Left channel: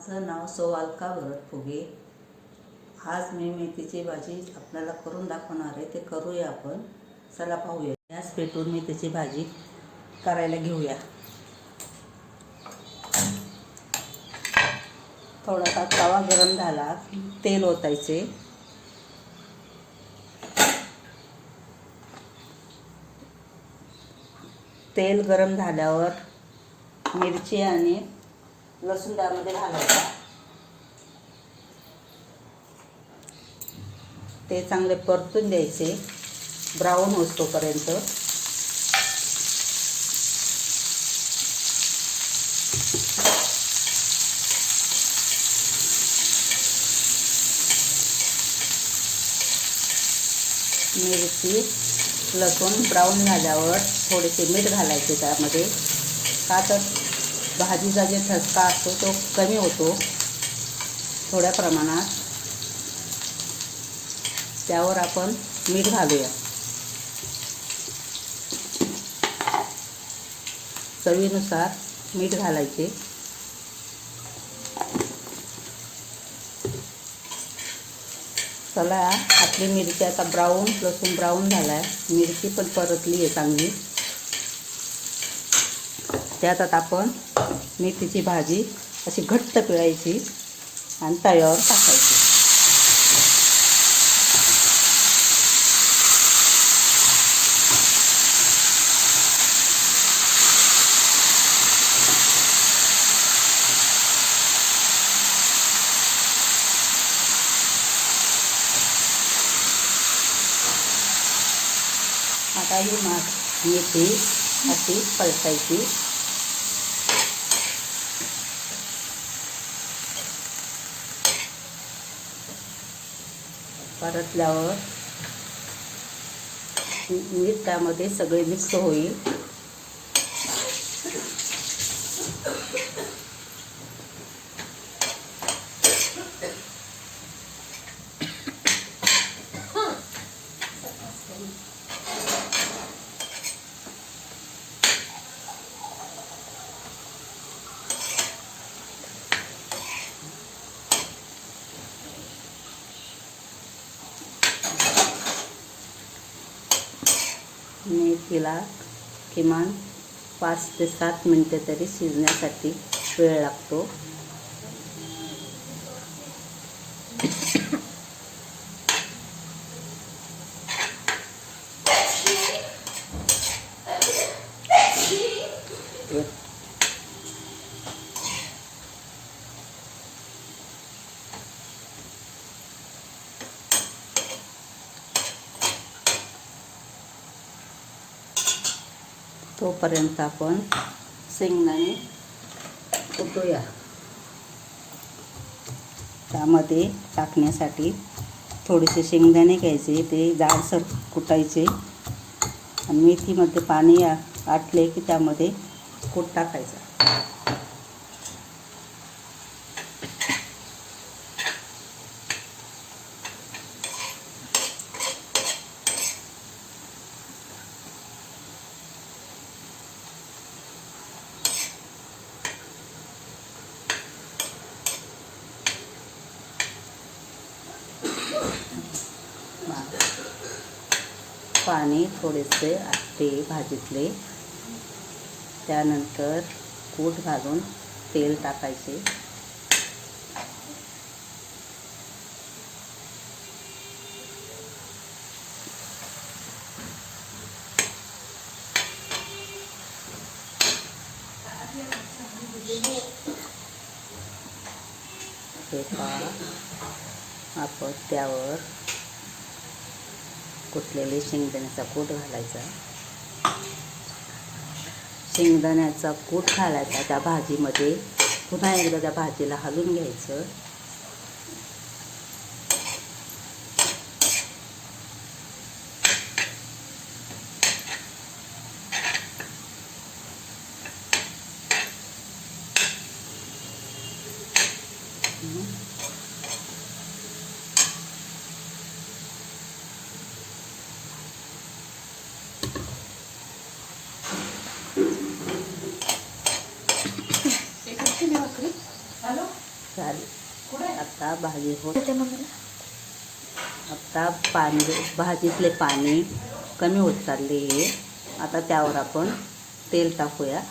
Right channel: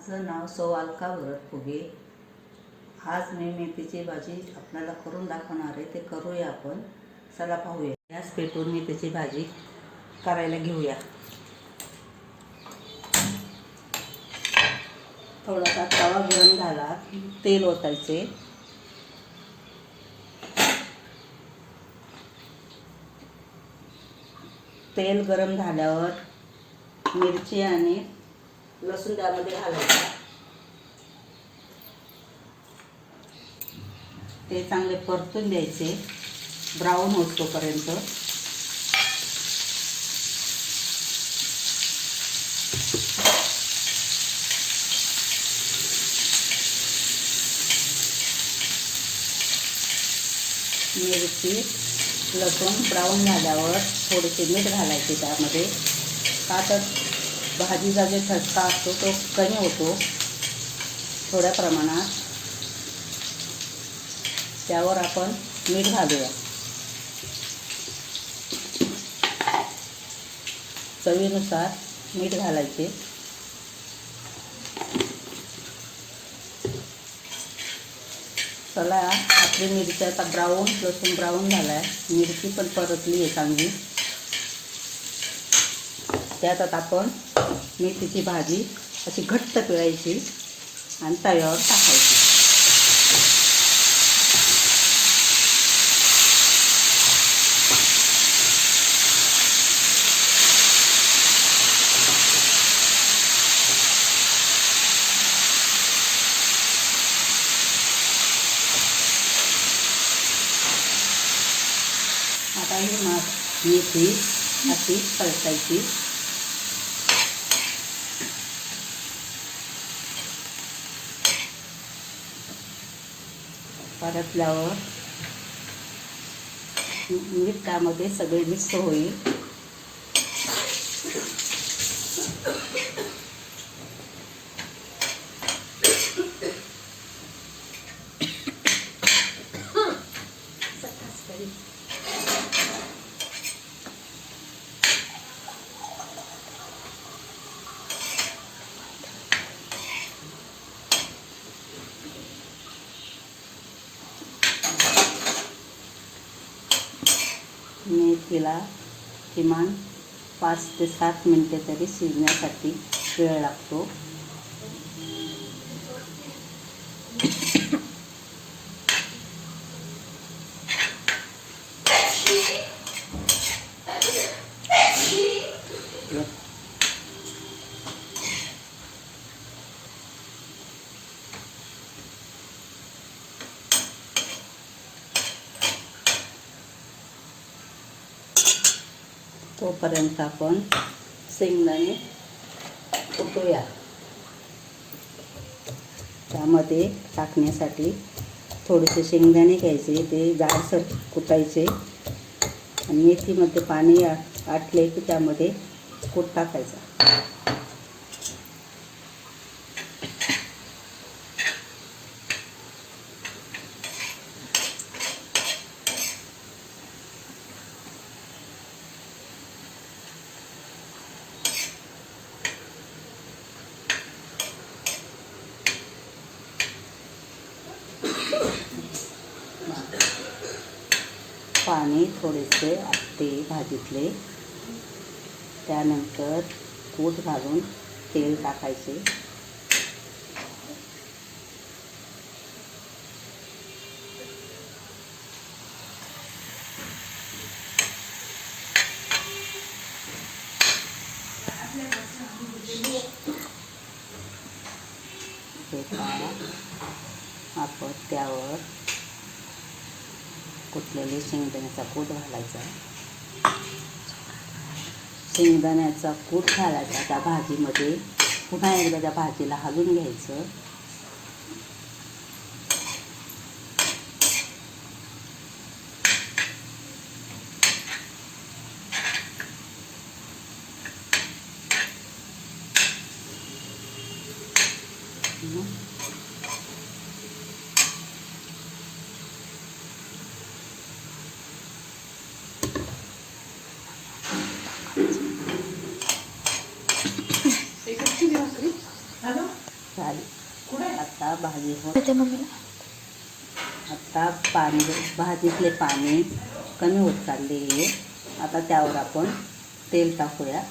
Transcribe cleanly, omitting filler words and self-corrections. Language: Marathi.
माझं नाव सौ अलका भरत फुगे। आज मी मेथीची भाजी आपल्याला करून दाखवणार आहे। ते करूया आपण। चला पाहूया। गॅस पेटवून मेथीची भाजी करायला घेऊया। थोडासा तवा गरम झाला, तेल ओतायचे। तेल गरम झाल्यावर मिरची आणि लसूण त्यामध्ये घालायचा। ते चांगले परतून द्यायचे, ब्राऊन होईपर्यंत। मिरची लसूण ब्राऊन झाल्यावर थोडेसे मीठ घालायचे त्यामध्ये। पातळ भाजीचा जे ठसका असतो तो कमी होतो थोड्या प्रमाणात। त्यावर आपण मीठ घालूया। चवीनुसार मीठ घालायचे। चला, आपली मिरची आता लसूण ब्राऊन झालाय। मिरची पण परतली आहे चांगली। त्यात आता आपण मेथीची भाजी अशी घट्ट पिळायची आणि तव्यावर टाकायची। आता ही मेथी अशी परतायची। परतल्यावर मीठ त्यामध्ये सगळे मिक्स होईल। मेथीला किमान 5 ते 7 मिनिटे तरी शिजण्यासाठी वेळ लागतो। तोपर्यंत आपण शेंगदाणे कुटूया। त्यामध्ये टाकण्यासाठी थोडेसे शेंगदाणे घ्यायचे, ते जाडसर कुटायचे आणि मेथीमध्ये पाणी आटले की त्यामध्ये कूट टाकायचा। पाणी थोडेसे आटते भाजीतले। त्यानंतर कूट घालून तेल टाकायचे। आपण त्यावर कुटलेले शेंगदाण्याचा कूट घालायचा। शेंगदाण्याचा कूट घालायचा त्या भाजीमध्ये। पुन्हा एकदा त्या भाजीला हलवून घ्यायचं। झाली आता भाजी हो. त्याच्या मम्मीला आता पाणी भाजीतले पाणी कमी होत चालले आहे. आता त्यावर आपण तेल टाकूया.